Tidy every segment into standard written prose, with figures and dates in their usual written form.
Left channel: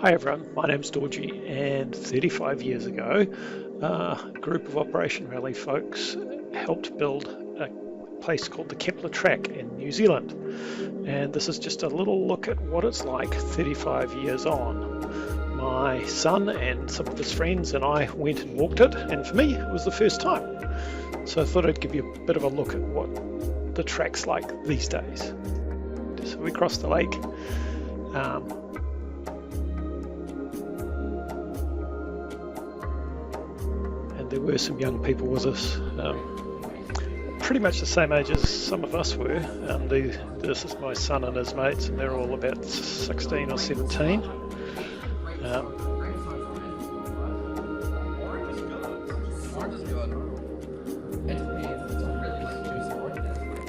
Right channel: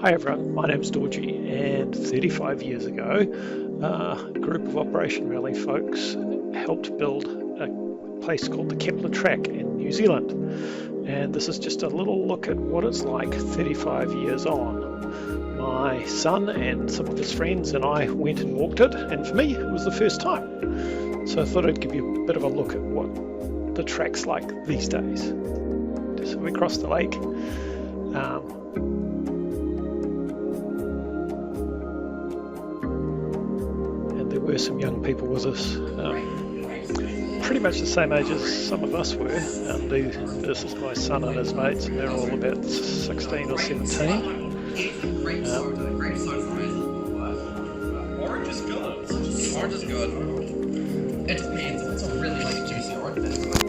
Hi everyone, my name's Dorji, and 35 years ago a group of Operation Raleigh folks helped build a place called the Kepler track in New Zealand, and this is just a little look at what it's like 35 years on. My son and some of his friends and I went and walked it, and for me it was the first time, so I thought I'd give you a bit of a look at what the track's like these days. So we crossed the lake. There were some young people with us, pretty much the same age as some of us were. This is my son and his mates, and they're all about 16 or 17. Orange is good. Orange is good. It depends. If it's a really juicy orange, that's good.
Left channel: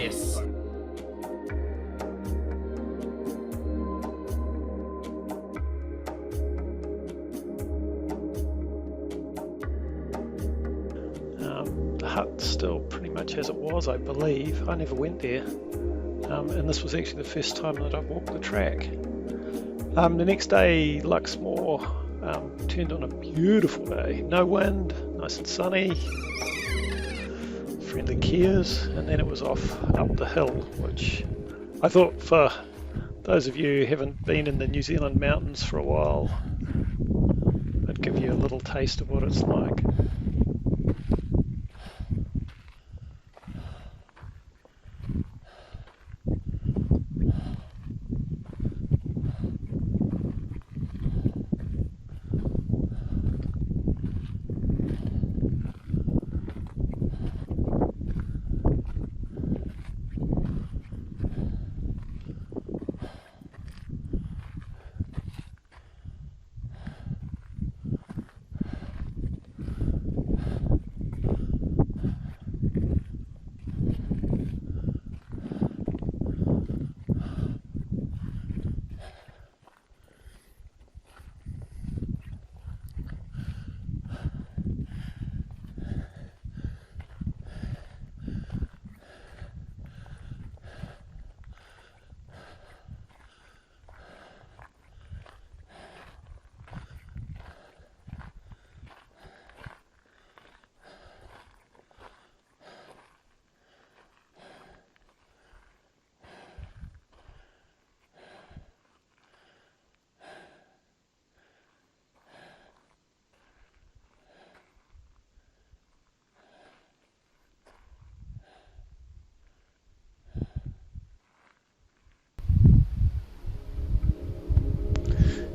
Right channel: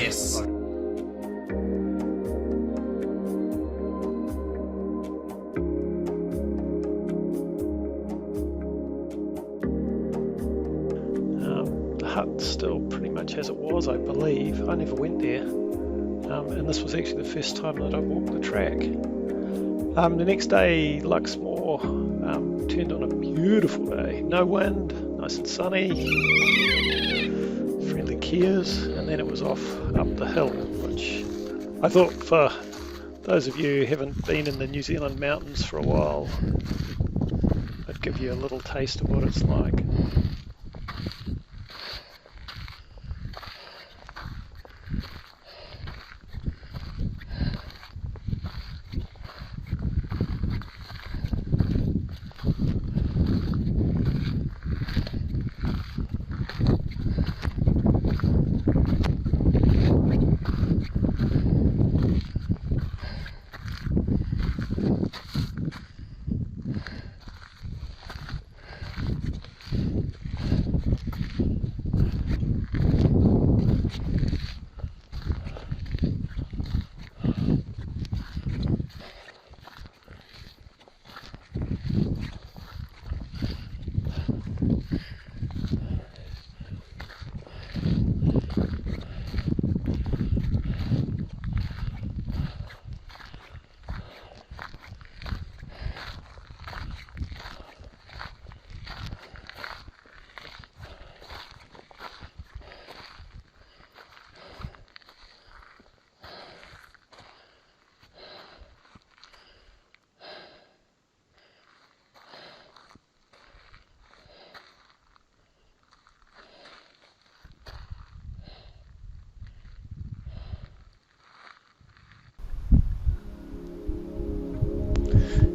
Yes. The hut's still pretty much as it was, I believe. I never went there, and this was actually the first time that I walked the track. The next day, Luxmore turned on a beautiful day. No wind, nice and sunny, friendly Kias, and then it was off up the hill, which I thought, for those of you who haven't been in the New Zealand mountains for a while, I'd give you a little taste of what it's like.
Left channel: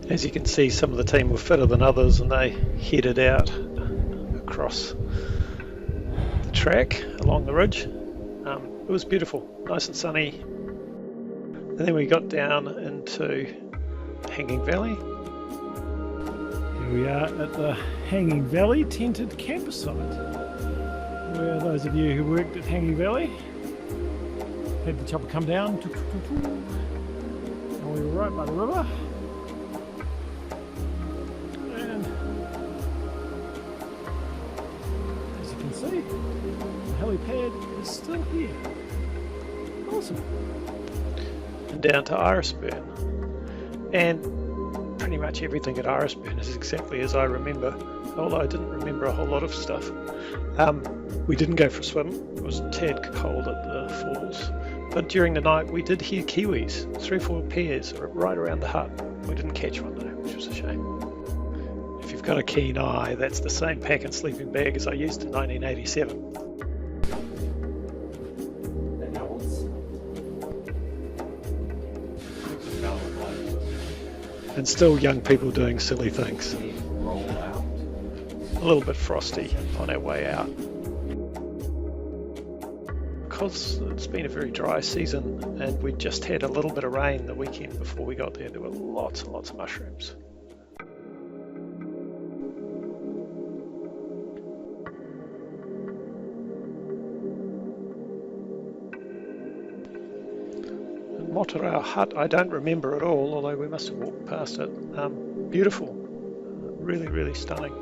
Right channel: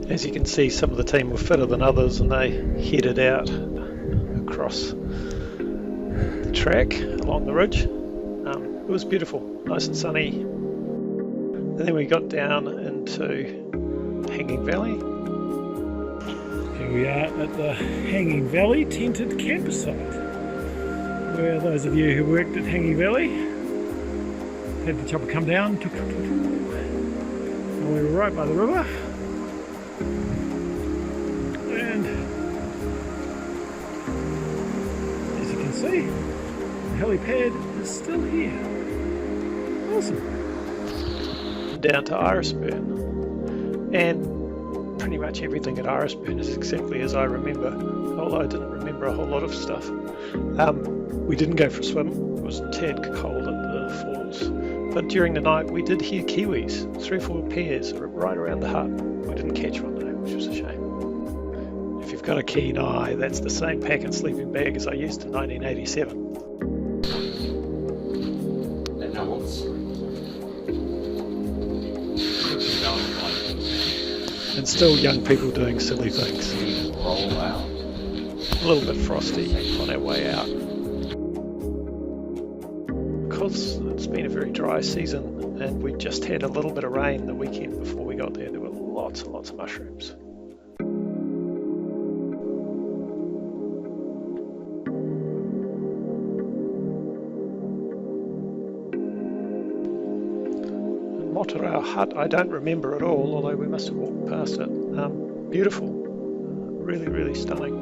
As you can see, some of the team were fitter than others, and they headed out across the track along the ridge. It was beautiful, nice and sunny. And then we got down into Hanging Valley. Here we are at the Hanging Valley tented campsite, where those of you who worked at Hanging Valley had the chopper come down, and we were right by the river. And as you can see, the helipad is still here. Awesome. And down to Irisburn. And pretty much everything at Irisburn is exactly as I remember, although I didn't remember a whole lot of stuff. We didn't go for a swim. It was a tad cold at the falls. But during the night we did hear kiwis, 3 or 4 pairs right around the hut. We didn't catch one though, which was a shame. If you've got a keen eye, that's the same pack and sleeping bag as I used in 1987. And still young people doing silly things. A little bit frosty on our way out. Because it's been a very dry season and we just had a little bit of rain the weekend before we got there, there were lots and lots of mushrooms. Motorau Hut, I don't remember at all, although we must have walked past it. Beautiful, really, really stunning.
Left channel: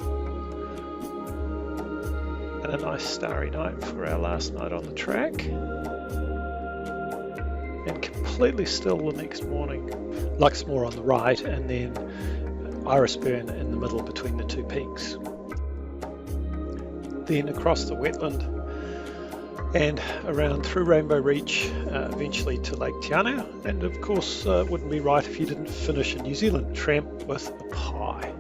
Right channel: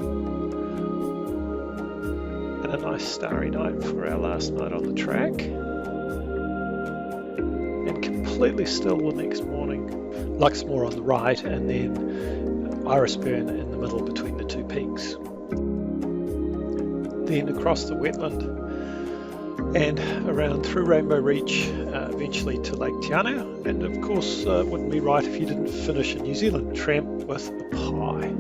and a nice starry night for our last night on the track. and completely still the next morning. Luxmore on the right, and then Irisburn in the middle between the two peaks. Then across the wetland and around through Rainbow Reach, eventually to Lake Te Anau, and of course wouldn't be right if you didn't finish a New Zealand tramp with a pie.